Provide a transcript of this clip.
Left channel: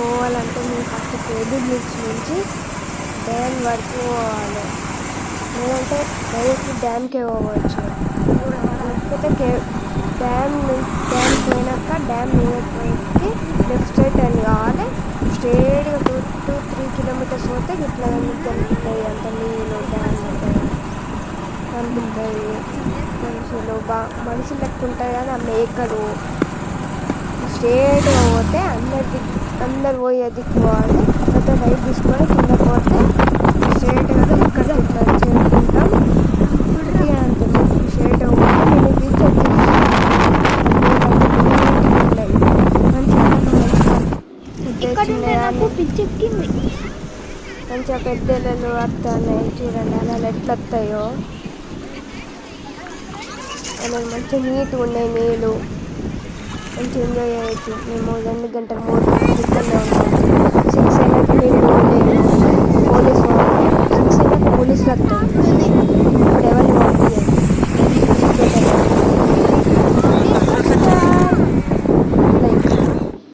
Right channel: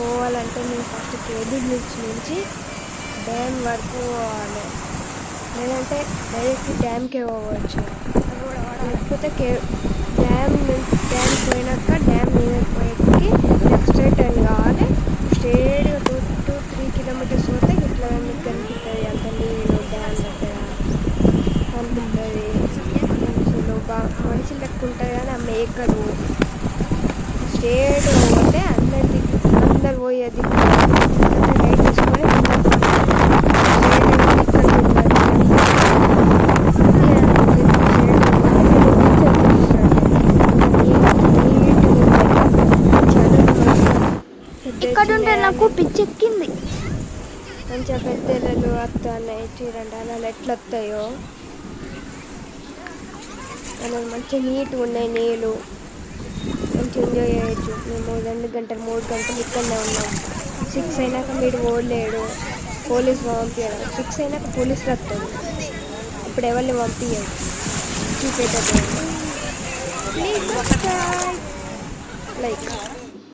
పోవాలంటే మేము first cable bridge నుంచి డ్యామ్ వరకు పోవాలి, లేదంటే డైరెక్ట్ డ్యామ్కే పోవచ్చు. లేకపోతే డ్యామ్ పోయినాక డ్యామ్ మీద పోయేకి లెఫ్ట్ సైడ్ టర్న్ కావాలి. స్ట్రేట్గా 2-3 కిలోమీటర్స్ పోతే ఇట్లా మీకు కనిపిస్తుంది. అంత నీళ్ళు డ్యామ్ దగ్గర కనిపిస్తుంది. మనుషులు లెక్క ఉంటుంది కానీ ఆ మేకలు స్ట్రేట్గా పోతే అందరు పోయే దిక్కుకోవాలి. అంటే రైట్ తీసుకొని కింద పోతే స్ట్రేట్గా కనిపిస్తుంది. మంచిగా పెద్దలు వస్తున్నాయి చూడండి, అలా ఎట్లా వస్తాయో అలా మంచిగా నీట్గా ఉన్నాయి నీళ్ళు. మంచిగా ఎంజాయ్ చేయొచ్చు. మేము 2 గంటలు 3 గంటలు ఇక్కడనే ఉన్నాము. 6 అయినాక మీరు పోలేరు, పోలీసు పంపించారు. 6 అయినాక పోలీసులు వస్తారు. ఇప్పుడు ఎవరిని పంపించారు బెటర్.